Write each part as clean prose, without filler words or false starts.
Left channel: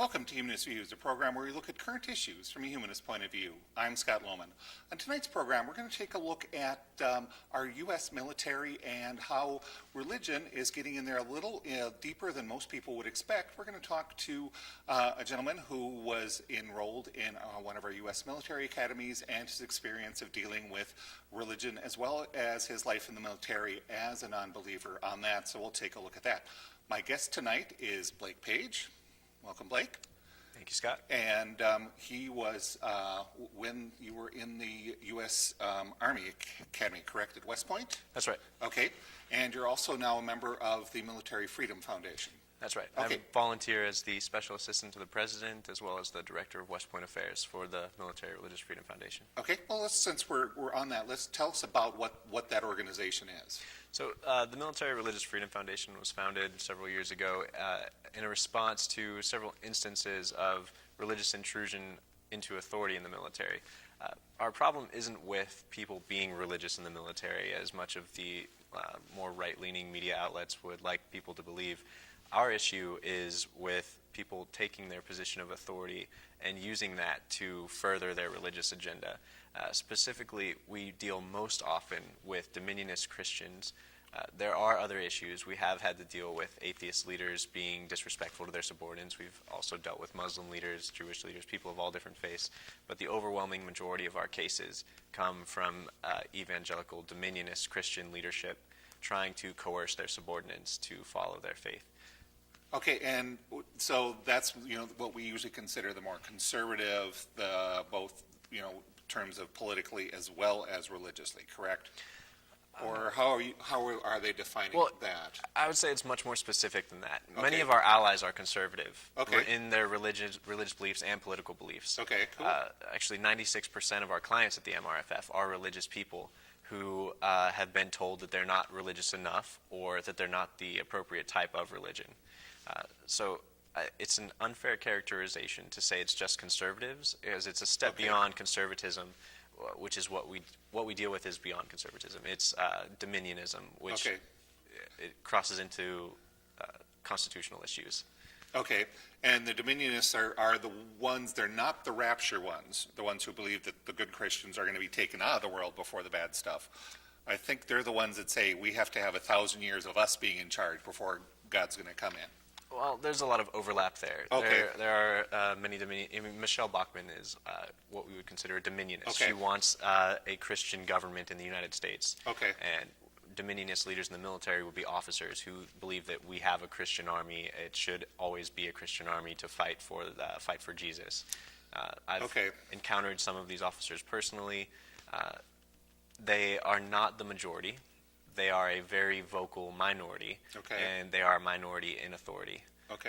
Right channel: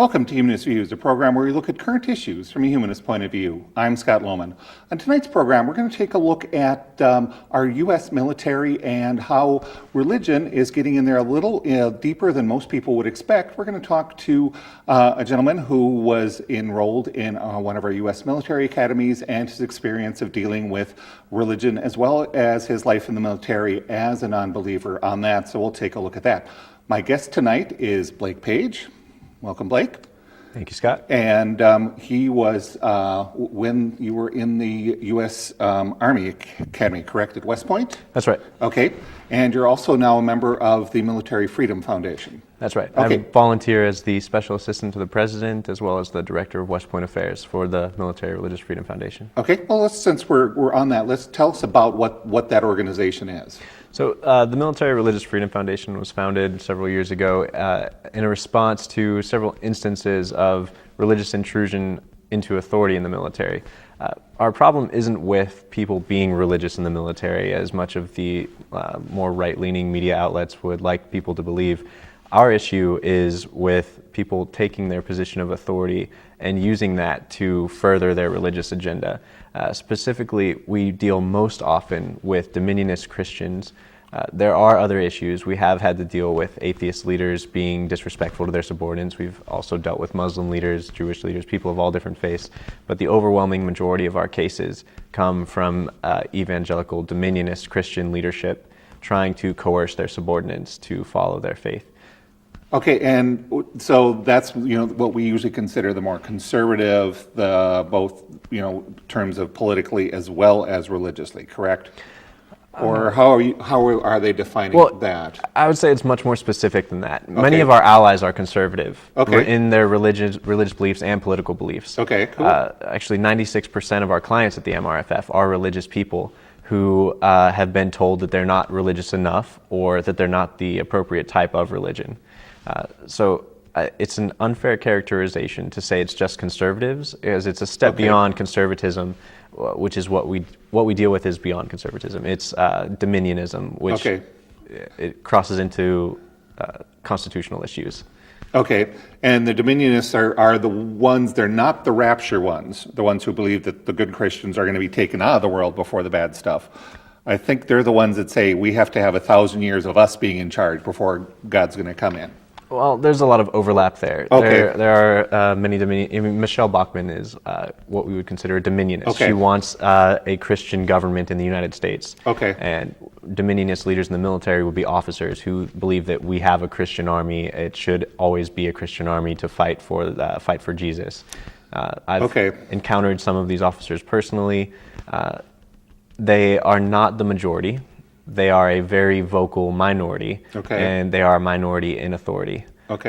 Welcome to Humanist Views, a program where we look at current issues from a humanist point of view. I'm Scott Lohman. On tonight's program, we're going to take a look at our U.S. military and how religion is getting in there a little deeper than most people would expect. We're going to talk to a gentleman who was enrolled in one of our U.S. military academies and his experience of dealing with religion as well as his life in the military as a non-believer on that. So we'll take a look at that. My guest tonight is Blake Page. Welcome, Blake. Thank you, Scott. And he was, when you were in the U.S. Army Academy, correct, at West Point? That's right. Okay. And you're also now a member of the Military Freedom Foundation. That's right. Okay. I volunteer as the Special Assistant to the President as well as the Director of West Point Affairs for the Military Religious Freedom Foundation. Okay. Well, since we're on that, let's tell us about what that organization is. So the Military Religious Freedom Foundation was founded several years ago in a response to several instances of religious intrusion into authority in the military. Our problem isn't with people being religious in the military, as much of the more right-leaning media outlets would like people to believe. Our issue is with people taking their position of authority and using that to further their religious agenda. Specifically, we deal most often with dominionist Christians. There are other issues. We have had to deal with atheist leaders being disrespectful to their subordinates. We've also dealt with Muslim leaders, Jewish leaders, people of all different faiths. But the overwhelming majority of our cases come from evangelical dominionist Christian leadership trying to coerce their subordinates to follow their faith. Okay, and so that's what we usually consider the more conservative, both in terms of politically as well as religiously, correct? Or how are they defining that? I would say it's much more specific than that. Okay. Many of our allies are conservative Okay. in their religious beliefs and political beliefs. Okay, cool. Actually, 96% of our clients at the MRFF are religious people who have been told that they're not religious enough or that they're not the appropriate type of religion. So it's an unfair characterization to say it's just conservatives, as it's a step beyond conservatism, which is what we deal with is beyond conservatism. It's dominionism, which it crosses into constitutional issues. Okay, and the dominionists are the ones, they're not the rapture ones, the ones who believe that the good Christians are going to be taken out of the world before the bad stuff. I think they're the ones that say we have to have 1,000 years of us being in charge before God's going to come in. Well, there's a lot of overlap there. Okay. There are many Michelle Bachmann is what we would consider a dominionist. Okay. She wants a Christian government in the United States. Okay. And dominionist leaders in the military would be officers who believe that we have a Christian army. It should always be a Christian army to fight for Jesus. I've encountered some of these officers personally. They are not the majority. They are a very vocal minority, and they are a minority in authority,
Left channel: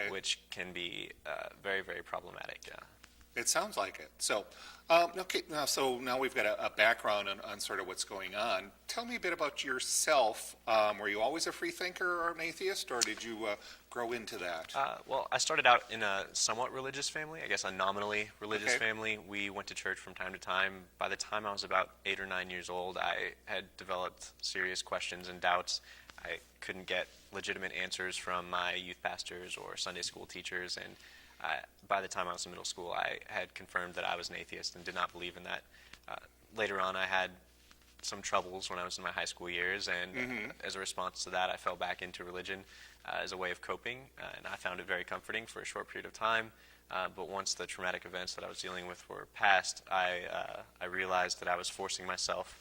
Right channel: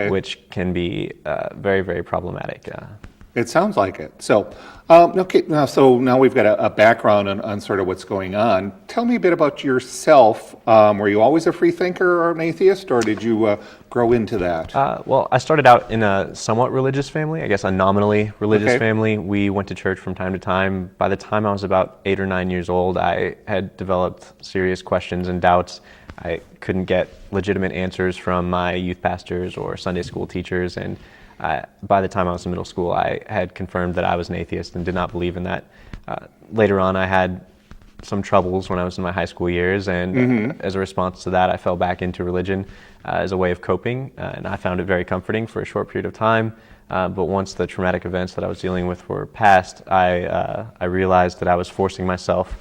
which can be very, very problematic. It sounds like it. So, now we've got a background on sort of what's going on. Tell me a bit about yourself. Were you always a free thinker or an atheist, or did you grow into that? Well, I started out in a somewhat religious family, I guess a nominally religious family. We went to church from time to time. By the time I was about 8 or 9 years old, I had developed serious questions and doubts. I couldn't get legitimate answers from my youth pastors or Sunday school teachers, and by the time I was in middle school, I had confirmed that I was an atheist and did not believe in that. Later on, I had some troubles when I was in my high school years, and as a response to that, I fell back into religion as a way of coping, and I found it very comforting for a short period of time. But once the traumatic events that I was dealing with were past, I realized that I was forcing myself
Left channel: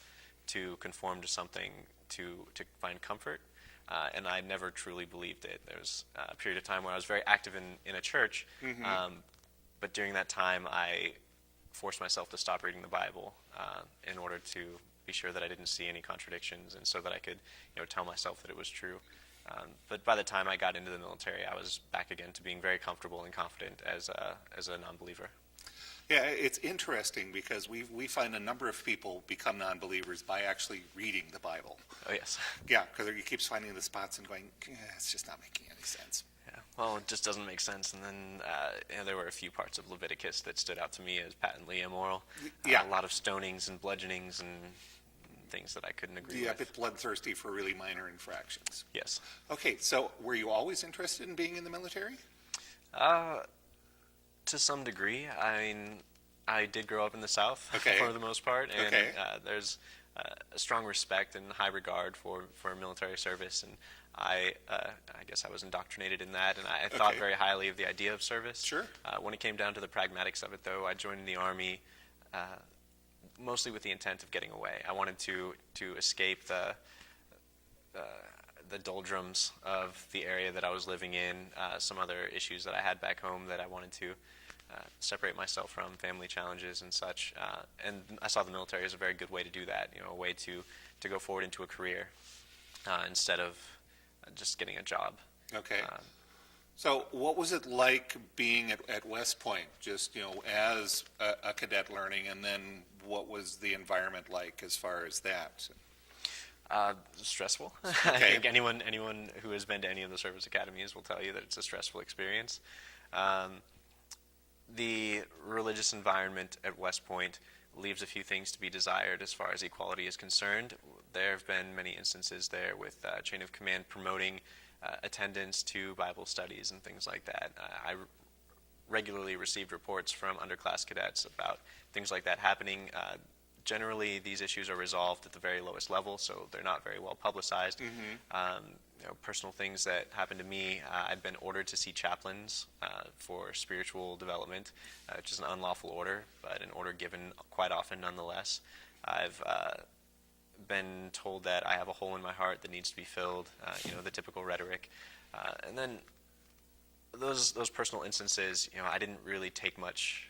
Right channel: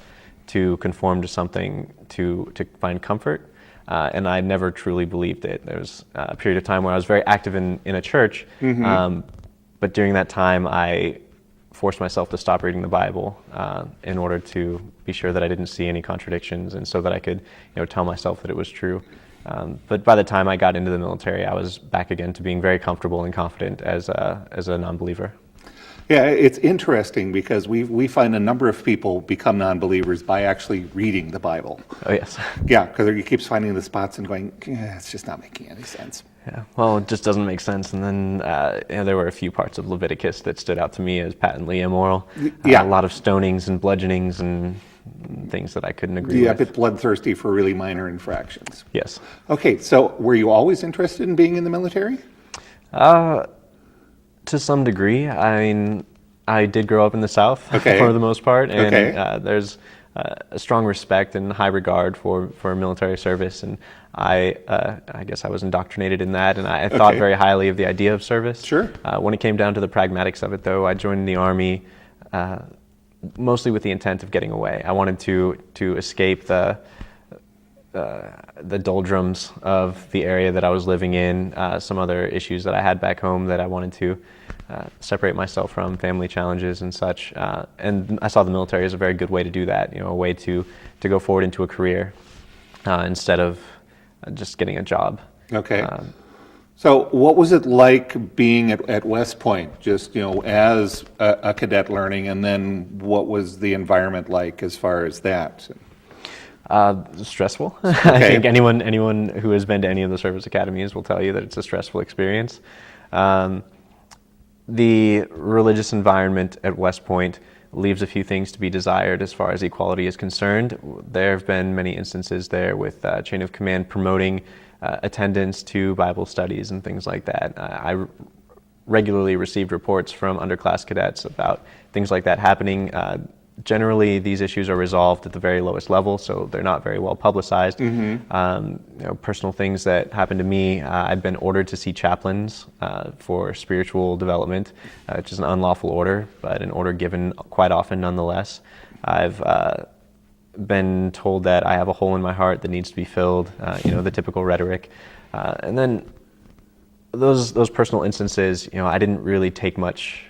to conform to something to find comfort. And I never truly believed it. There was a period of time where I was very active in a church, but during that time I forced myself to stop reading the Bible in order to be sure that I didn't see any contradictions, and so that I could tell myself that it was true. But by the time I got into the military, I was back again to being very comfortable and confident as a non-believer. Yeah, it's interesting because we find a number of people become non-believers by actually reading the Bible. Oh, yes. Yeah, because he keeps finding the spots and going, it's just not making any sense. Yeah, well, it just doesn't make sense. And then there were a few parts of Leviticus that stood out to me as patently immoral. Yeah. A lot of stonings and bludgeonings and things that I couldn't agree with. Yeah, a bit bloodthirsty for really minor infractions. Yes. Okay, so were you always interested in being in the military? To some degree. I mean, I did grow up in the South Okay. for the most part, and Okay. there's a strong respect and high regard for military service, and I guess I was indoctrinated in that, and I thought Okay. very highly of the idea of service. Sure. When it came down to the pragmatics of it, though, I joined the Army mostly with the intent of getting away. I wanted to escape the doldrums of the area that I was living in, some other issues that I had back home that I wanted to separate myself from, family challenges and such. And I saw the military as a very good way to do that, a way to go forward into a career instead of just getting a job. Okay. So what was it like being at West Point, just, as a cadet learning, and then what was the environment like as far as that? Stressful. I think anyone who has been to any of the service academies will tell you that it's a stressful experience. The religious environment at West Point leaves a few things to be desired as far as equality is concerned. There have been many instances there with chain of command promoting attendance to Bible studies and things like that. I regularly received reports from underclass cadets about things like that happening. Generally, these issues are resolved at the very lowest level, so they're not very well publicized. Personal things that happened to me, I've been ordered to see chaplains for spiritual development, which is an unlawful order, but an order given quite often nonetheless. I've been told that I have a hole in my heart that needs to be filled, the typical rhetoric. And then those personal instances, I didn't really take much.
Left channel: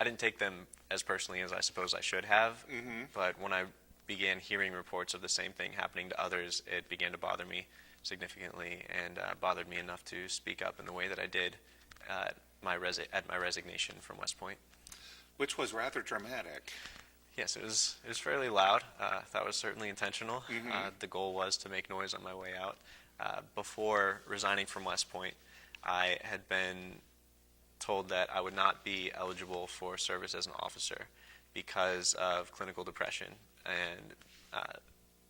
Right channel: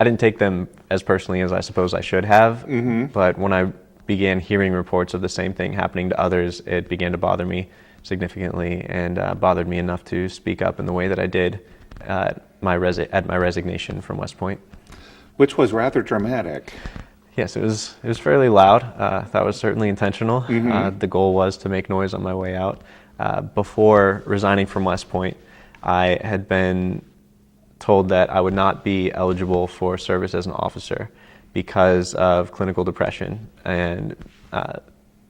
I didn't take them as personally as I suppose I should have, but when I began hearing reports of the same thing happening to others, it began to bother me significantly and bothered me enough to speak up in the way that I did at my resignation from West Point. Which was rather dramatic. Yes, it was fairly loud. That was certainly intentional. The goal was to make noise on my way out. Before resigning from West Point, I had been told that I would not be eligible for service as an officer because of clinical depression. And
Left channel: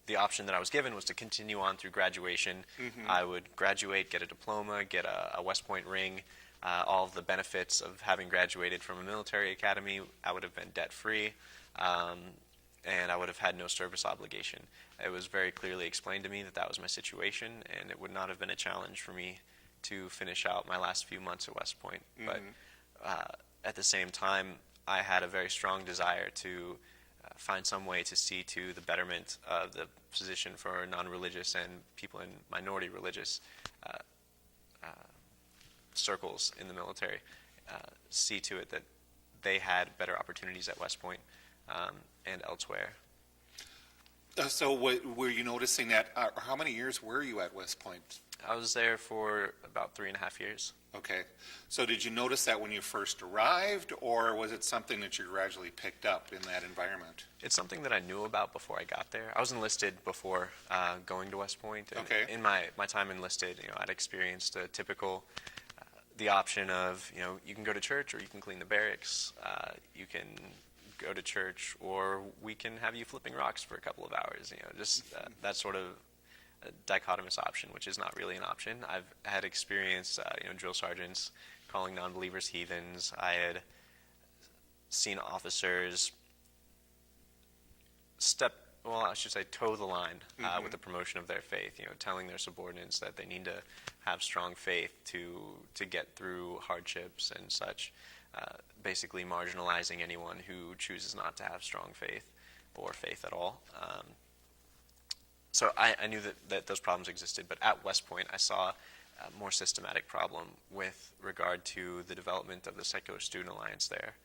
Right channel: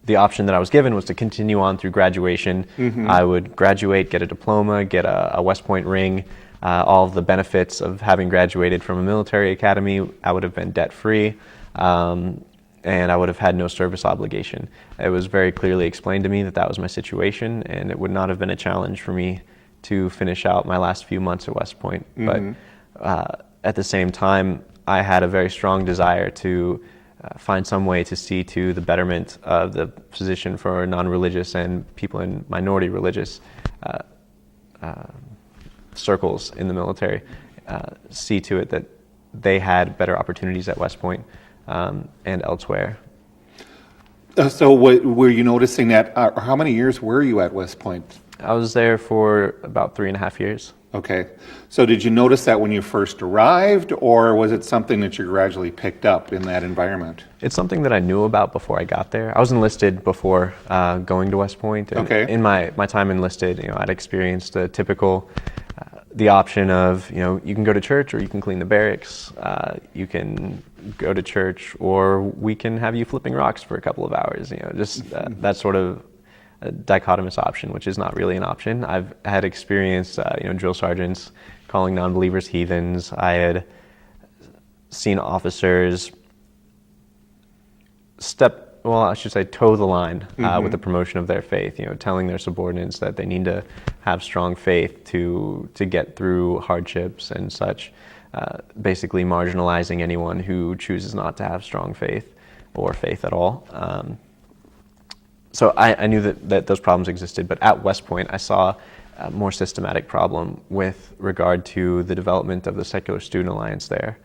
the option that I was given was to continue on through graduation. I would graduate, get a diploma, get a West Point ring, all of the benefits of having graduated from a military academy. I would have been debt-free, and I would have had no service obligation. It was very clearly explained to me that that was my situation, and it would not have been a challenge for me to finish out my last few months at West Point. But at the same time, I had a very strong desire to find some way to see to the betterment of the position for non-religious and people in minority religious circles in the military, see to it that they had better opportunities at West Point and elsewhere. So were you noticing that, how many years were you at West Point? I was there for about 3.5 years. Okay. So did you notice that when you first arrived, or was it something that you gradually picked up in that environment? It's something that I knew about before I got there. I was enlisted before going to West Point. And Okay. in my time enlisted, I'd experienced the typical, the option of, you can go to church or you can clean the barracks. You can go to church or we can have you flipping rocks for a couple of hours. Just that sort of a dichotomous option, which is not really an option. I've had experienced, drill sergeants calling non-believers heathens. I had seen officers toe the line with the promotion of their faith, telling their subordinates that they need to have strong faith to get through hardships and such, basically marginalizing anyone who chooses not to have strong faith or faith at all. So I knew that those problems existed, but at West Point I saw a more systematic problem with regard to the development of the Secular Student Alliance there.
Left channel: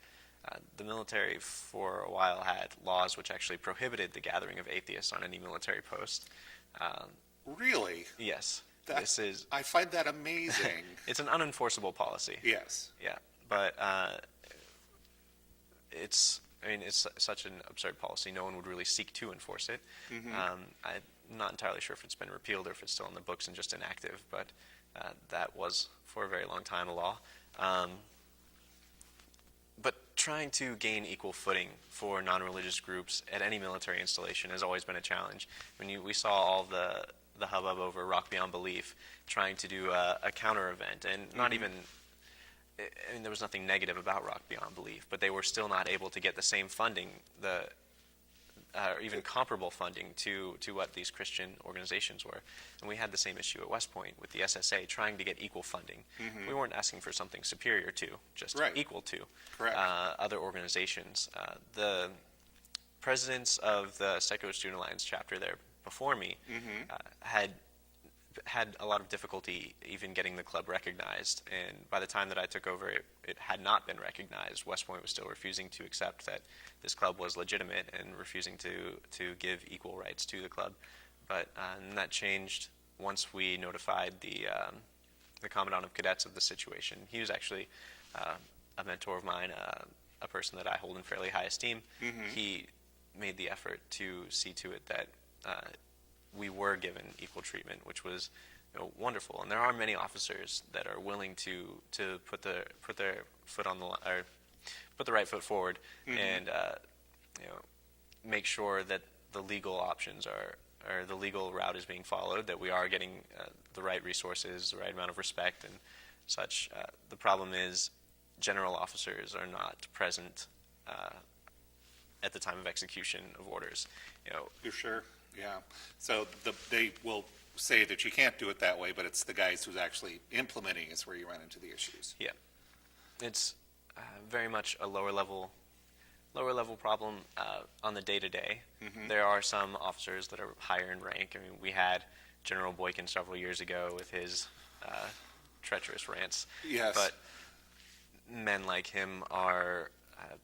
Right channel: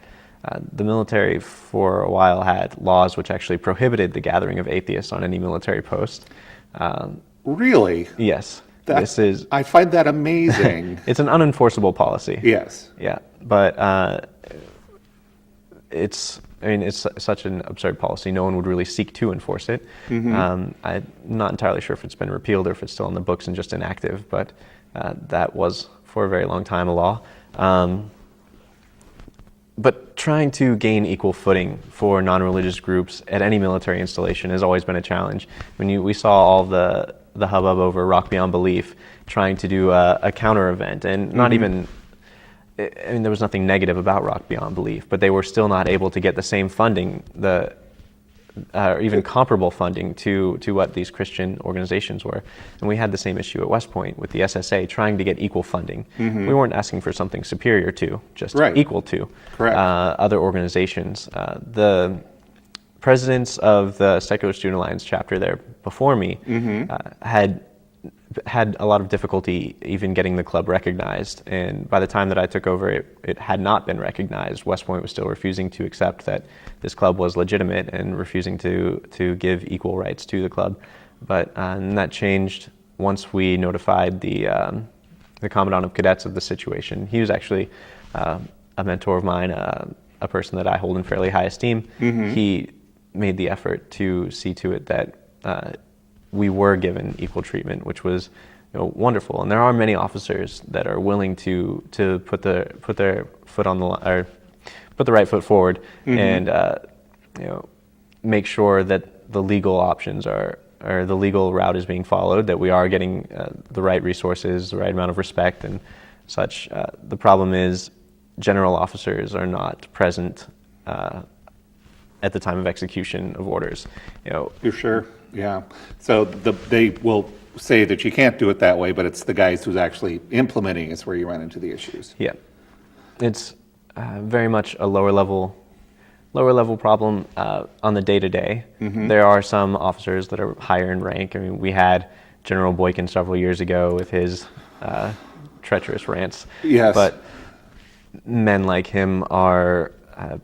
The military for a while had laws which actually prohibited the gathering of atheists on any military post. Really? Yes. I find that amazing. It's an unenforceable policy. Yes. Yeah, but it's such an absurd policy. No one would really seek to enforce it. I'm not entirely sure if it's been repealed or if it's still on the books and just inactive, but that was for a very long time a law. But trying to gain equal footing for non-religious groups at any military installation has always been a challenge. We saw all the hubbub over Rock Beyond Belief, trying to do a counter event, and not even I mean, there was nothing negative about Rock Beyond Belief, but they were still not able to get the same funding, or even comparable funding to what these Christian organizations were. And we had the same issue at West Point with the SSA, trying to get equal funding. We weren't asking for something superior to, just equal to other organizations. The presidents of the Secular Student Alliance chapter there before me had a lot of difficulty even getting the club recognized, and by the time that I took over, it had not been recognized. West Point was still refusing to accept that this club was legitimate and refusing to give equal rights to the club. But and that changed once we notified the Commandant of Cadets of the situation. He was actually a mentor of mine, a person that I hold in fairly high esteem. He made the effort to see to it that we were given equal treatment, which was wonderful. And there are many officers that are willing to put their foot on the or put the right foot forward and make sure that the legal options or the legal route is being followed, that we are getting the right resources, the right amount of respect and such. The problem is general officers are not present at the time of execution of orders. You're sure? Yeah. So they will say that you can't do it that way, but it's the guys who's actually implementing is where you run into the issues. Yeah. It's very much a lower level problem on the day-to-day. There are some officers that are higher in rank. I mean, we had General Boykin several years ago with his treacherous rants. Yes. But men like him are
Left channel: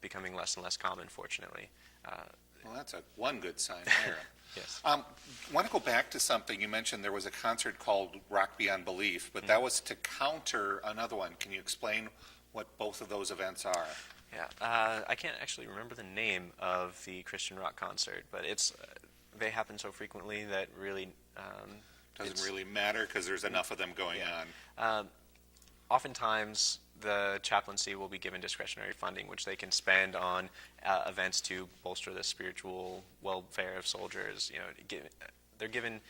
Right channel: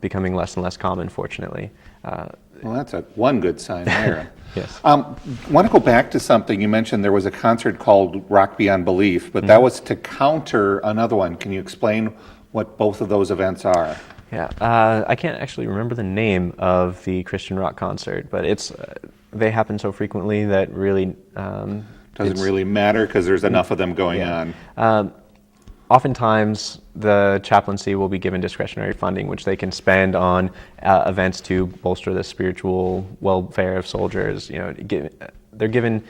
becoming less and less common, fortunately. Well, that's one good sign there. Yes. I want to go back to something. You mentioned there was a concert called Rock Beyond Belief, but that was to counter another one. Can you explain what both of those events are? Yeah, I can't actually remember the name of the Christian rock concert, but they happen so frequently that really doesn't really matter because there's enough of them going on. Oftentimes, the chaplaincy will be given discretionary funding, which they can spend on events to bolster the spiritual welfare of soldiers. They're given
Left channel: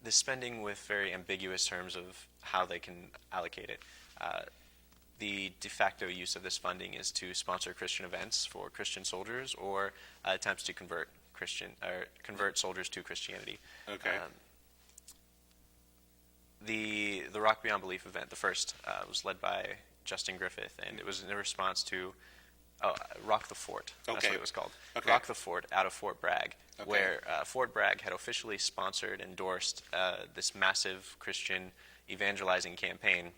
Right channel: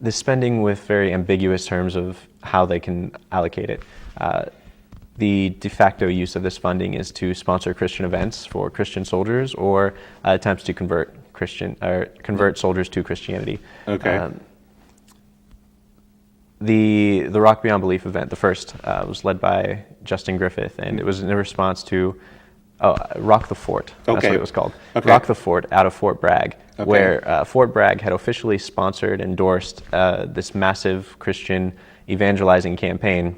this spending with very ambiguous terms of how they can allocate it. The de facto use of this funding is to sponsor Christian events for Christian soldiers or attempts to convert soldiers to Christianity. Okay. The Rock Beyond Belief event, the first, was led by Justin Griffith, and it was in response to Rock the Fort. That's what it was called. Okay. Rock the Fort out of Fort Bragg, where Fort Bragg had officially sponsored, endorsed this massive Christian evangelizing campaign.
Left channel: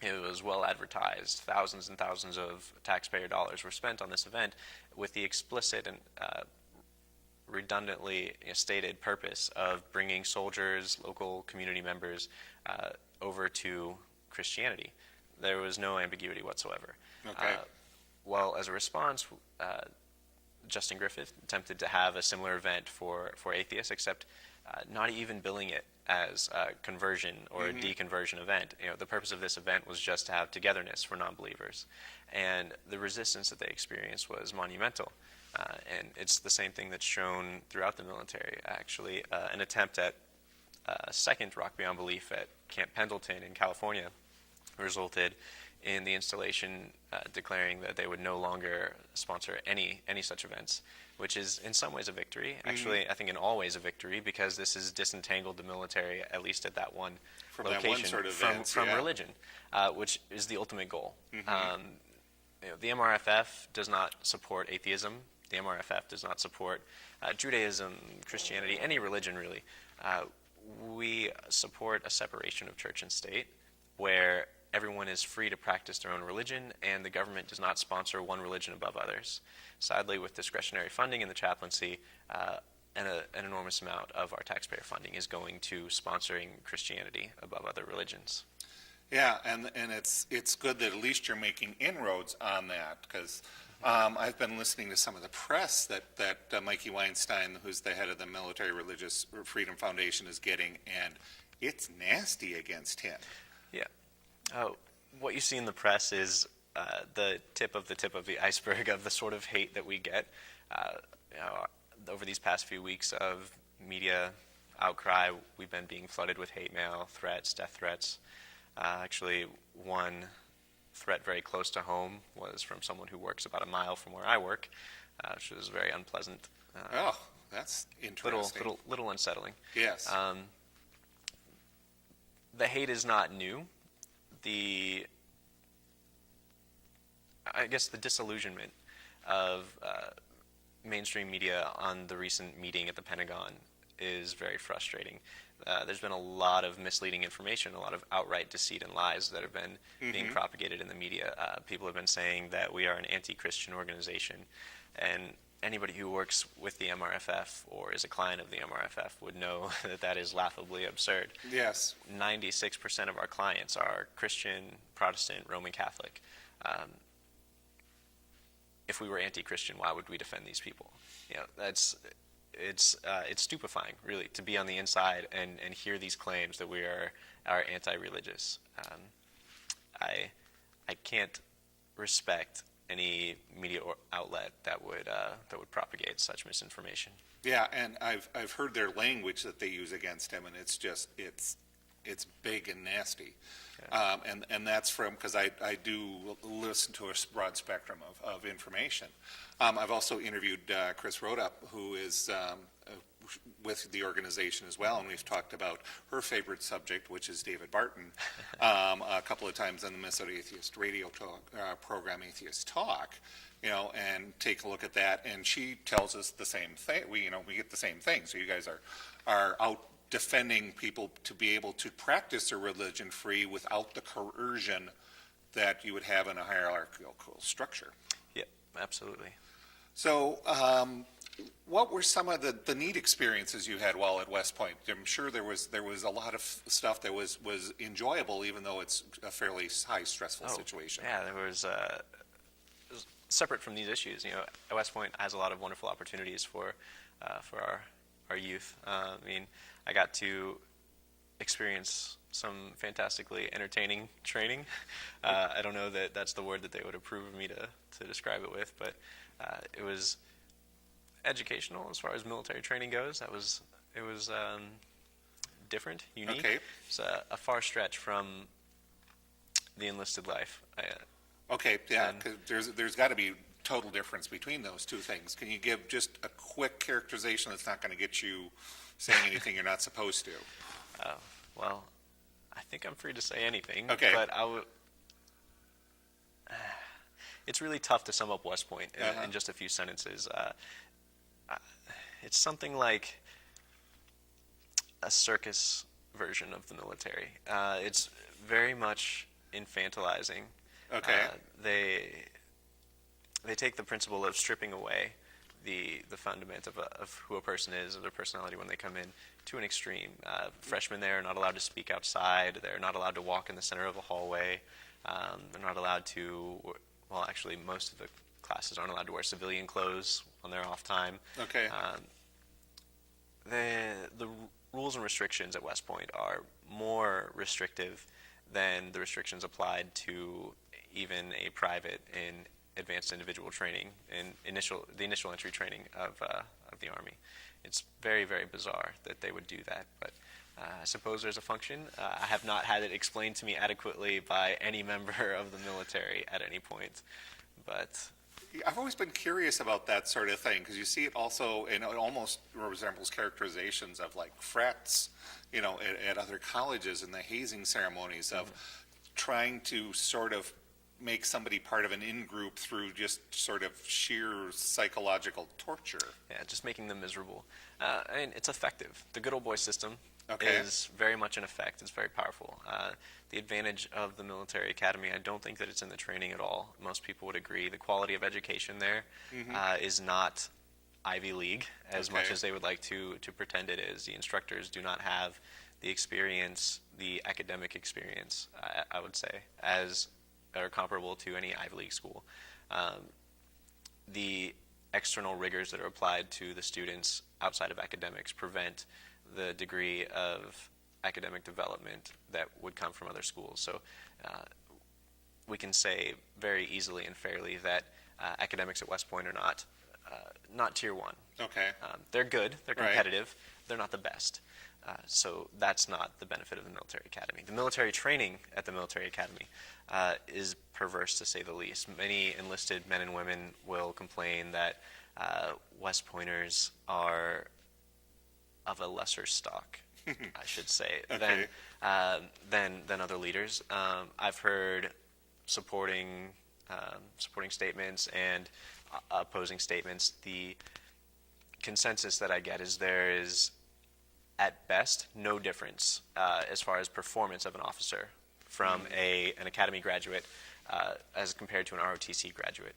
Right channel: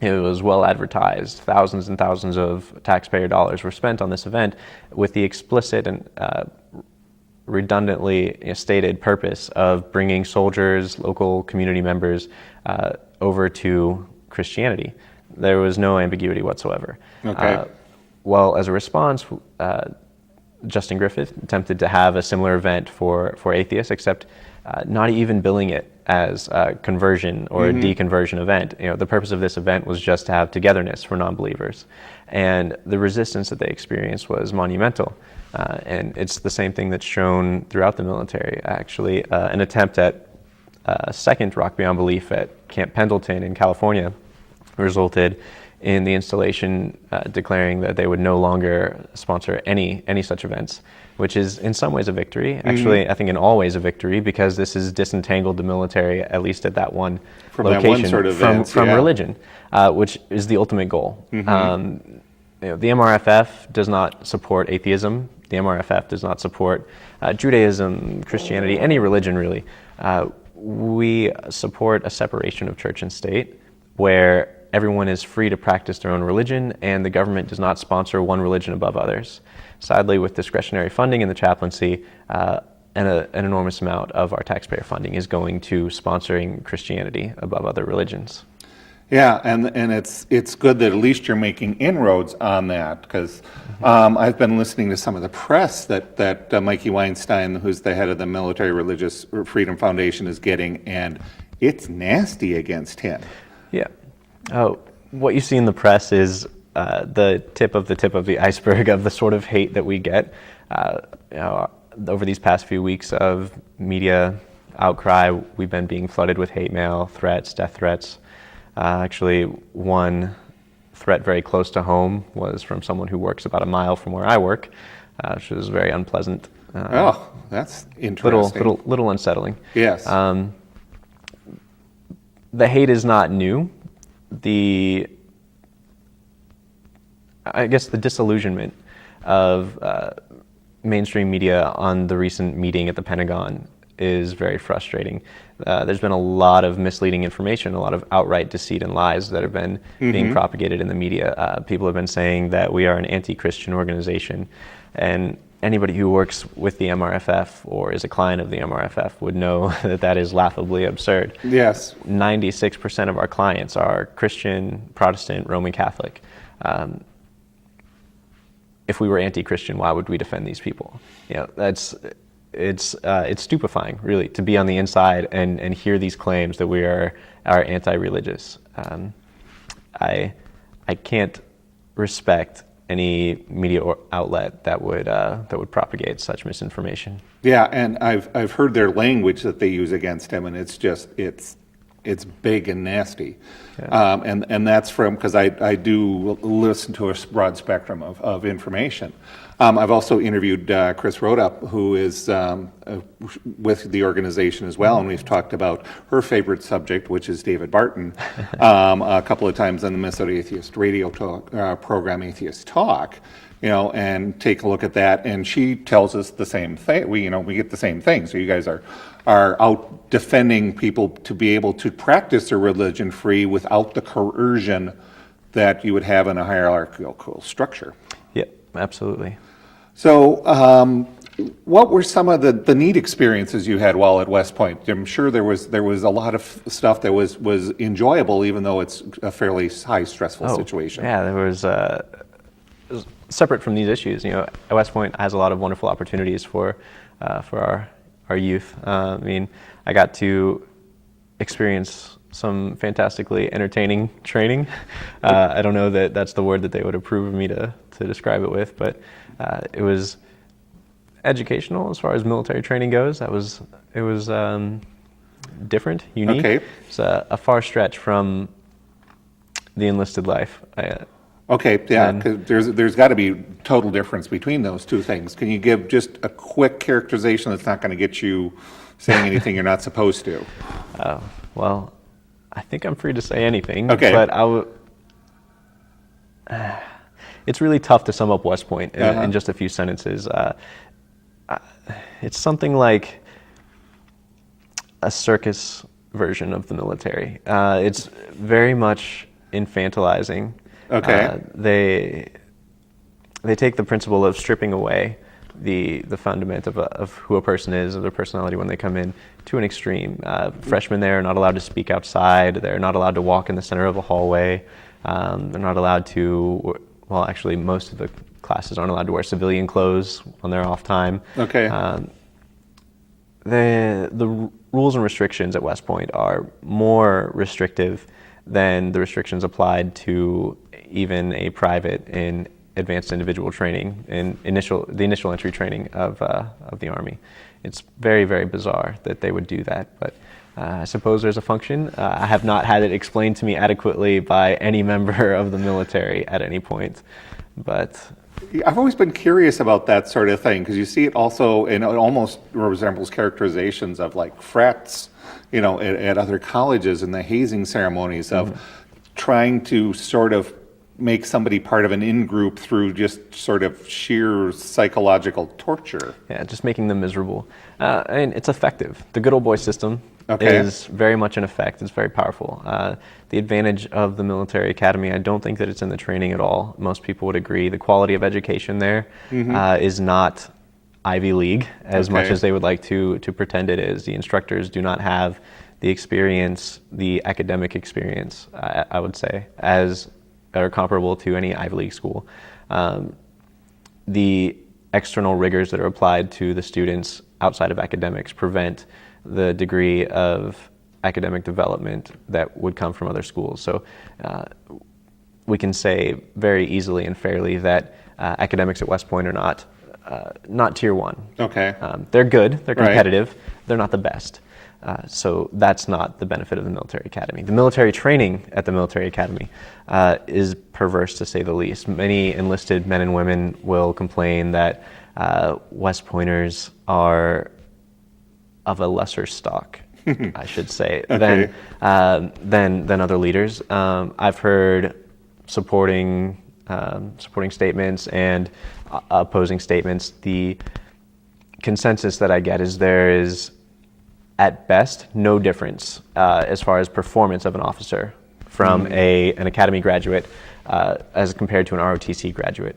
It was well advertised. Thousands and thousands of taxpayer dollars were spent on this event with the explicit and redundantly stated purpose of bringing soldiers, local community members over to Christianity. There was no ambiguity whatsoever. Okay. Well, as a response, Justin Griffith attempted to have a similar event for atheists, except not even billing it as a conversion or a deconversion event. The purpose of this event was just to have togetherness for non-believers. And the resistance that they experienced was monumental. And it's the same thing that's shown throughout the military, actually. An attempt at a second Rock Beyond Belief at Camp Pendleton in California resulted in the installation declaring that they would no longer sponsor any such events, which is in some ways a victory. Actually, I think in all ways a victory, because this has disentangled the military, at least at that one from location, that one sort of events, from religion, which is the ultimate goal. The MRFF does not support atheism. The MRFF does not support Judaism, Christianity, any religion really. We support a separation of church and state where everyone is free to practice their own religion and the government does not sponsor one religion above others. Sadly, with discretionary funding in the chaplaincy, an enormous amount of our taxpayer funding is going to sponsoring Christianity above other religions. Yeah, and it's good that at least you're making inroads on that, because I've been listening to some of the press that Mikey Weinstein, who's the head of the Military Religious Freedom Foundation, is getting, and it's nasty against him. Yeah. Oh, what you see in the press is the tip of the iceberg of the sort of hate that we get. Over these past few weeks of media outcry, we've been being flooded with hate mail, threats, death threats. Actually, one threat very close to home was from someone who works about a mile from where I work, which was very unpleasant. Oh, that's interesting. Little unsettling. Yes. The hate is not new. I guess the disillusionment of mainstream media on the recent meeting at the Pentagon is very frustrating. There's been a lot of misleading information, a lot of outright deceit and lies that have been being propagated in the media. People have been saying that we are an anti-Christian organization, and anybody who works with the MRFF or is a client of the MRFF would know that that is laughably absurd. Yes. 96% of our clients are Christian, Protestant, Roman Catholic. If we were anti-Christian, why would we defend these people? It's stupefying, really, to be on the inside and hear these claims that we are anti-religious. I can't respect any media outlet that would propagate such misinformation. Yeah, and I've heard their language that they use against him, and it's big and nasty. Yeah. And that's because I do listen to a broad spectrum of information. I've also interviewed Chris Rhoda, who is with the organization as well, and we've talked about her favorite subject, which is David Barton, a couple of times on the Minnesota Atheist radio program, Atheist Talk, and take a look at that. And she tells us the same thing. We get the same thing. So you guys are out defending people to be able to practice their religion free without the coercion that you would have in a hierarchical structure. Yep, absolutely. So, what were some of the neat experiences you had while at West Point? I'm sure there was a lot of stuff that was enjoyable, even though it's a fairly high stressful situation. Yeah, there was separate from these issues. West Point has a lot of wonderful opportunities for our youth. I got to experience some fantastically entertaining training. I don't know that that's the word that they would approve of me to describe it with, but it was educational as far as military training goes. It was different, unique. Okay. It's a far stretch from the enlisted life. Okay, yeah, because there's got to be total difference between those two things. Can you give just a quick characterization that's not going to get you saying anything you're not supposed to? Well, I think I'm free to say anything. Okay. But it's really tough to sum up West Point in just a few sentences. It's something like a circus version of the military. It's very much infantilizing. Okay. They take the principle of stripping away the fundament of who a person is, of their personality when they come in, to an extreme. Freshmen there are not allowed to speak outside. They're not allowed to walk in the center of a hallway. They're not allowed to, well, actually most of the classes aren't allowed to wear civilian clothes on their off time. Okay. The rules and restrictions at West Point are more restrictive than the restrictions applied to even a private in advanced individual training in the initial entry training of the Army. It's very, very bizarre that they would do that, but I suppose there's a function. I have not had it explained to me adequately by any member of the military at any point, but I've always been curious about that sort of thing, because you see it also, and it almost resembles characterizations of like frats, at other colleges and the hazing ceremonies of trying to sort of make somebody part of an in-group through just sort of sheer psychological torture. Yeah, just making them miserable. And it's effective. The good old boy system Okay. is very much in effect. It's very powerful. The advantage of the military academy, I don't think that it's in the training at all. Most people would agree. The quality of education there is not Ivy League as much as they would like to pretend it is. The instructors do not have the experience, the academic experience, I would say, as are comparable to any Ivy League school. The external rigors that are applied to the students outside of academics prevent the degree of academic development that would come from other schools. So we can say very easily and fairly that academics at West Point are not tier one. Okay. They're good, they're competitive, they're not the best. So that's not the benefit of the military academy. The military training at the military academy is perverse, to say the least. Many enlisted men and women will complain that West Pointers are of a lesser stock, I should say, Okay. than other leaders. I've heard supporting statements and opposing statements. The consensus that I get is there is, at best, no difference as far as performance of an officer from an academy graduate as compared to an ROTC graduate.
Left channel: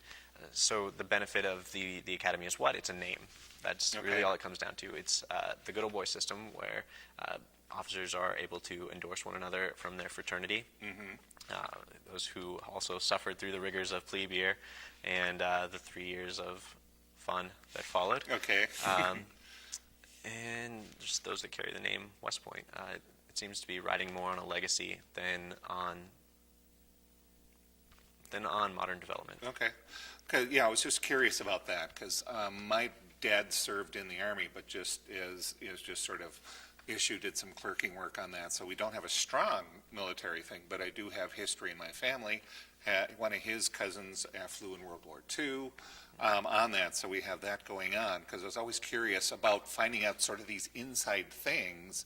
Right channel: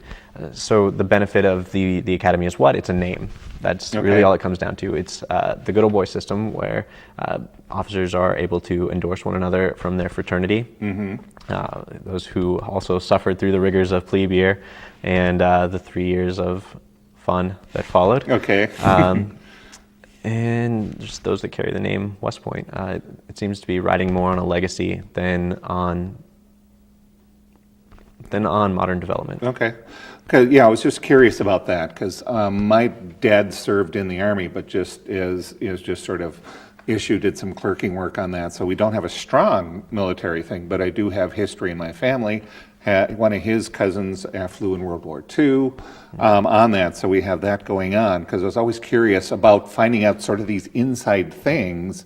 So the benefit of the academy is what? It's a name. That's really all it comes down to. It's the good old boy system where officers are able to endorse one another from their fraternity. Those who also suffered through the rigors of plebe year and the 3 years of fun that followed. Okay. And just those that carry the name West Point. It seems to be riding more on a legacy than on modern development. Okay. Yeah, I was just curious about that because my dad served in the Army, but just is just sort of did some clerking work on that. So we don't have a strong military thing, but I do have history in my family. One of his cousins flew in World War II on that, so we have that going on because I was always curious about finding out sort of these inside things,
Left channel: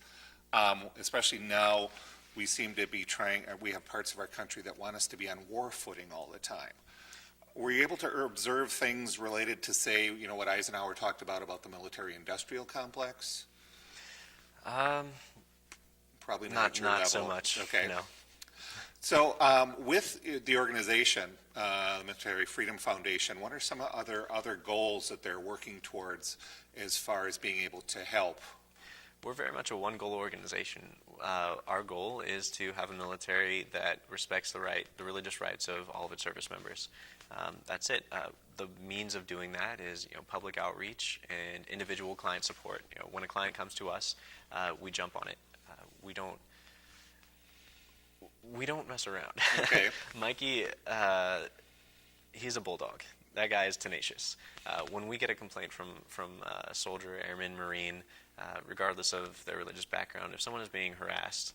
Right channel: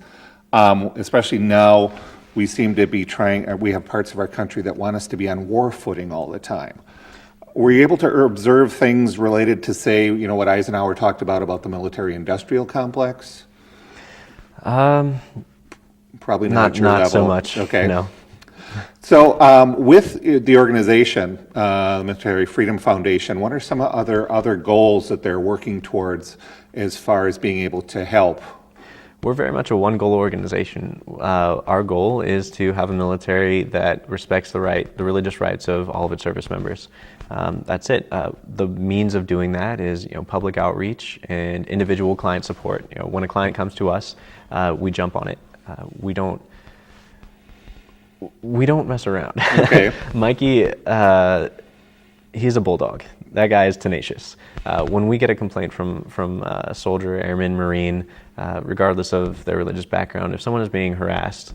especially now we seem to be we have parts of our country that want us to be on war footing all the time. Were you able to observe things related to, say, what Eisenhower talked about the military-industrial complex? Probably not at your level. Not so much. Okay. No. So with the organization, the Military Freedom Foundation, what are some other goals that they're working towards as far as being able to help? We're very much a one-goal organization. Our goal is to have a military that respects the religious rights of all of its service members. That's it. The means of doing that is, public outreach and individual client support. When a client comes to us, we jump on it. We don't mess around. Okay. Mikey, he's a bulldog. That guy is tenacious. When we get a complaint from a soldier, airman, Marine, regardless of their religious background, if someone is being harassed,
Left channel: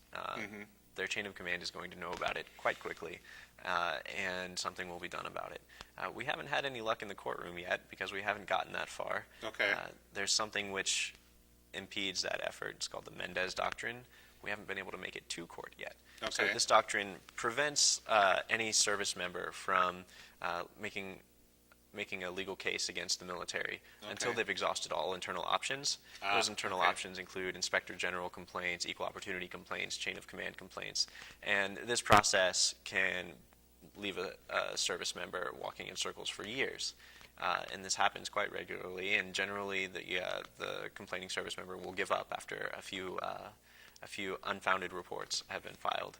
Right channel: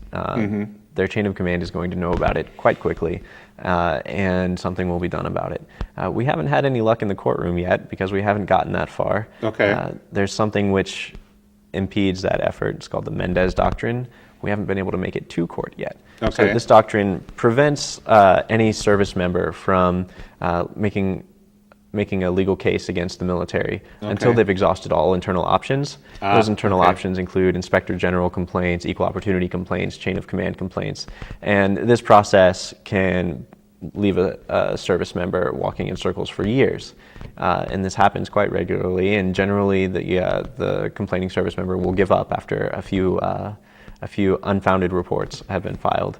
their chain of command is going to know about it quite quickly, and something will be done about it. We haven't had any luck in the courtroom yet because we haven't gotten that far. Okay. There's something which impedes that effort. It's called the Mendez Doctrine. We haven't been able to make it to court yet. Okay. So this doctrine prevents any service member from making a legal case against the military until they've exhausted all internal options. Those internal options include Inspector General complaints, equal opportunity complaints, chain of command complaints. And this process can leave a service member walking in circles for years. And this happens quite regularly, and generally the complaining service member will give up after a few unfounded reports have been filed.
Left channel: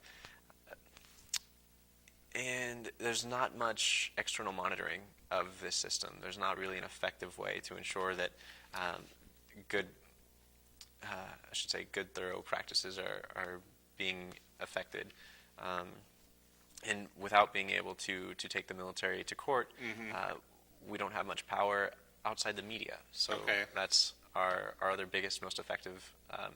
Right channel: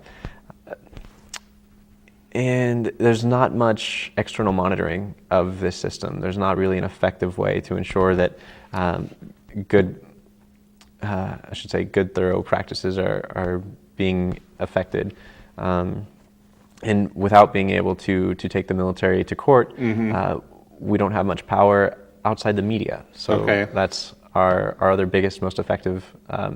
And there's not much external monitoring of this system. There's not really an effective way to ensure that good thorough practices are being affected. And without being able to take the military to court, we don't have much power outside the media. So that's our other biggest, most effective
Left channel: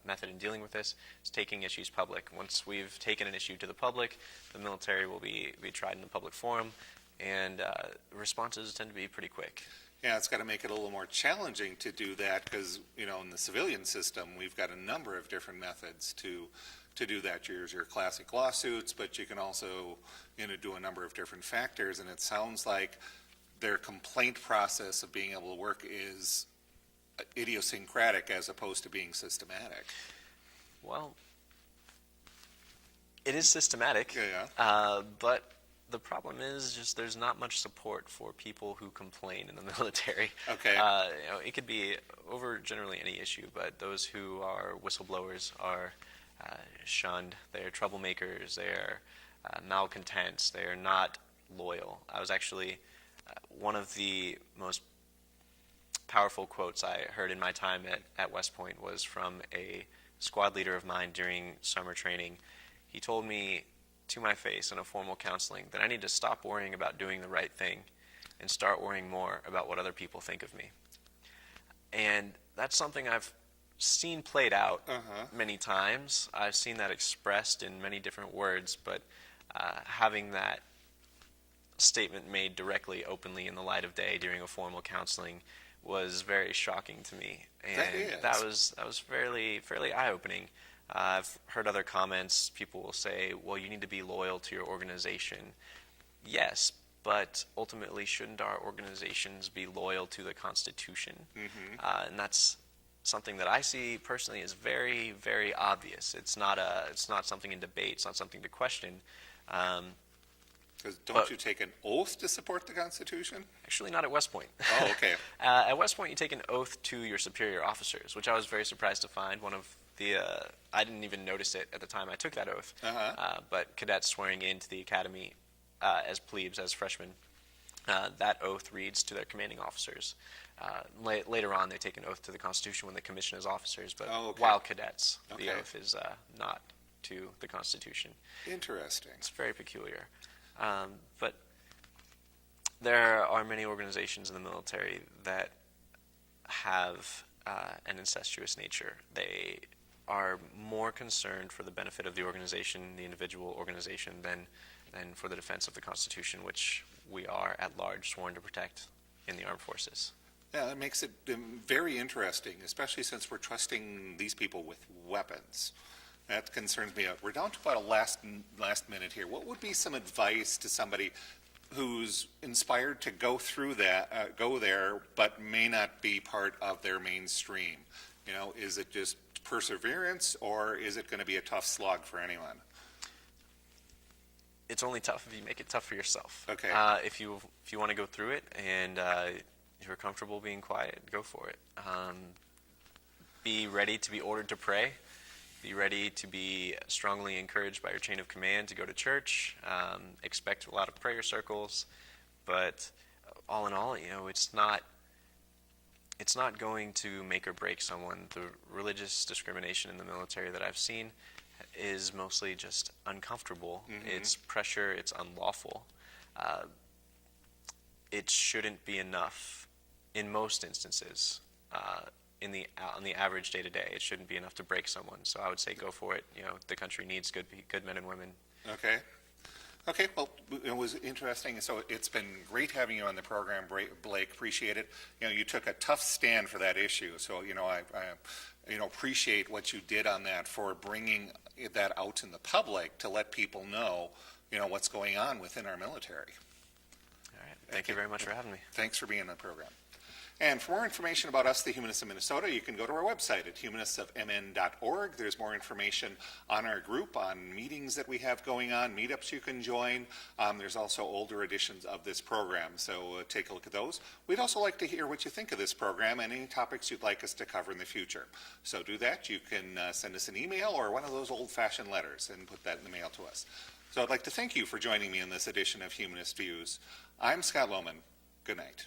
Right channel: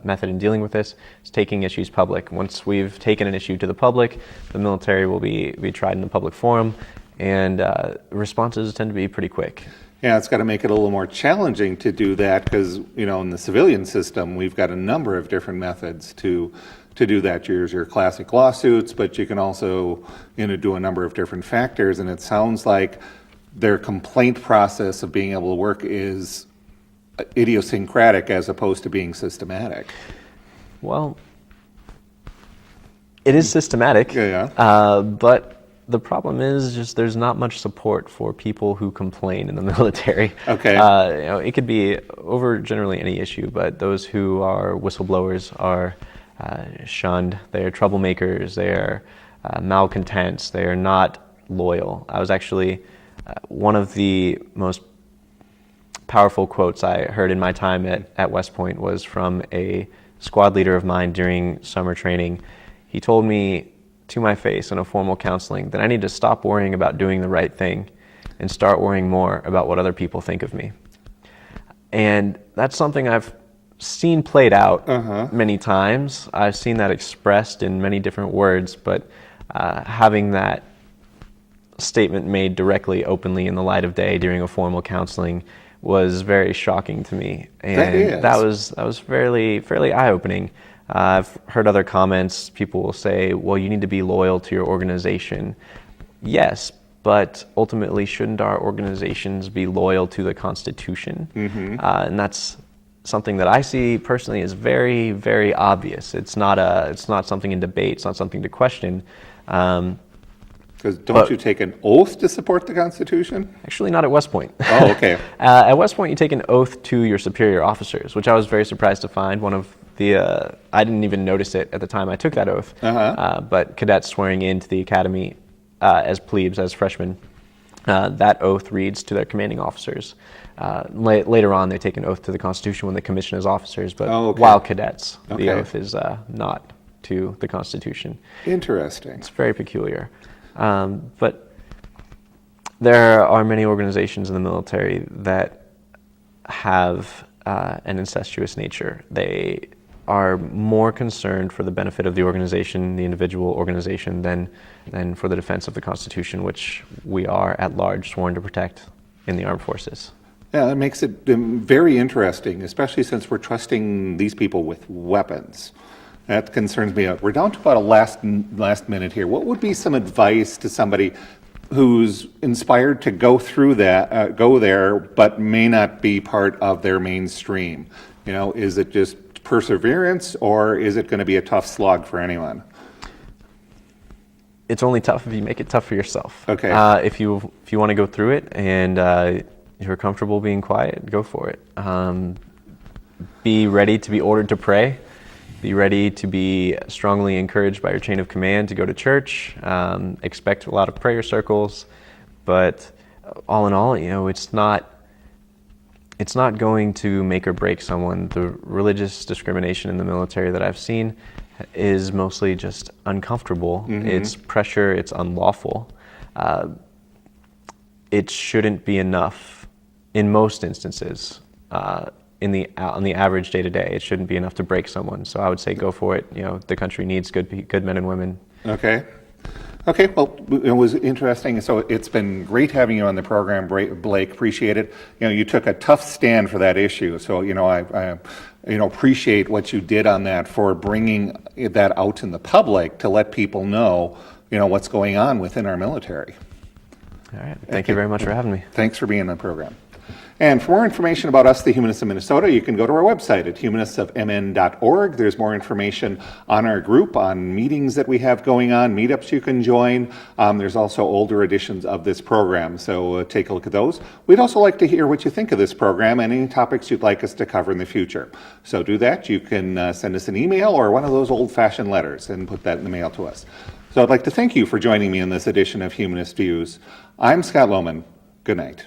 method in dealing with this is taking issues public. Once we've taken an issue to the public, the military will be tried in a public forum, and responses tend to be pretty quick. Yeah, it's got to make it a little more challenging to do that because, in the civilian system, we've got a number of different methods to do that. There's your classic lawsuits, but you can also, do a number of different factors, and it sounds like their complaint process of being able to work is idiosyncratic as opposed to being systematic. Well, it is systematic, but the problem is just there's not much support for people who complain in the military. Okay. It could be over generally any issue, but those who are whistleblowers are shunned. They are troublemakers. They are malcontents. They are not loyal. I was actually one of the most powerful quotes I heard in my time at West Point was from a squad leader of mine during summer training. He told me to my face in a formal counseling that I need to stop worrying about doing the right thing and start worrying more about what other people think of me. And that's something I've seen played out many times. I've seen that expressed in many different words, but having that statement made directly, openly in the light of day during a formal counseling was very shocking to me, and that was fairly eye-opening. I've heard other comments. People will say, "Well, you need to be loyal to your organization." Yes, but ultimately, shouldn't our organizations be loyal to the Constitution? And that's something that I see personally as very, very obvious. It's not something in debate. It's not something to question. Because don't you take an oath to support the Constitution? Actually, not at West Point. Oh, okay. At West Point, you take an oath to your superior officers, which I was very surprised to find. One of the, I didn't even notice it at the time I took that oath, but cadets swearing into the academy as plebes, as freshmen, that oath reads to their commanding officers. Later on, they take an oath to the Constitution when they commission as officers, but while cadets, the oath is not to the Constitution. Interesting. It's very peculiar. But there are many organizations in the military that have an incestuous nature. They are more concerned for the benefit of the organization, the individual organization, than for the defense of the Constitution, which we are at large sworn to protect in the armed forces. Yeah, that makes it very interesting, especially since we're trusting these people with weapons. That concerns me. We're down to about a last minute here. What would be some advice to somebody who's inspired to go through that, go there, but may not be part of their mainstream? You know, is it just perseverance, or is it going to be a tough slog for anyone? It's only tough if you make it tough for yourself. Okay. If you want to go through it and you're comfortable being quiet, go for it. Be ready to be ordered to pray. Be ready to be strongly encouraged by your chain of command to go to church. Expect a lot of prayer circles, but all in all, you know, it's not going to make or break someone. The religious discrimination in the military that I've seen is mostly just uncomfortable. It's pressure. It's unlawful. It shouldn't be enough in most instances. On the average day-to-day, it shouldn't be enough to break someone. So I would say go for it. You know, the country needs good men and women. Okay. Well, it was interesting. So it's been great having you on the program, Blake. Appreciate it. You know, you took a tough stand for that issue. So, you know, I appreciate what you did on that for bringing that out in the public to let people know, you know, what's going on within our military. All right. Thank you very much for having me. Thanks for being on the program. And for more information about us, the Humanists of Minnesota, you can go to our website at humanistsofmn.org. There's more information on our group, on meetings that we have going on, meetups you can join. There's also older editions of this program, so take a look at those. We'd also like to hear what you think of this program and any topics you'd like us to cover in the future. So do that. You can send us an email or one of those old-fashioned letters and put that in the mail to us. So I'd like to thank you for joining me in this edition of Humanist Views. I'm Scott Lohman. Good night.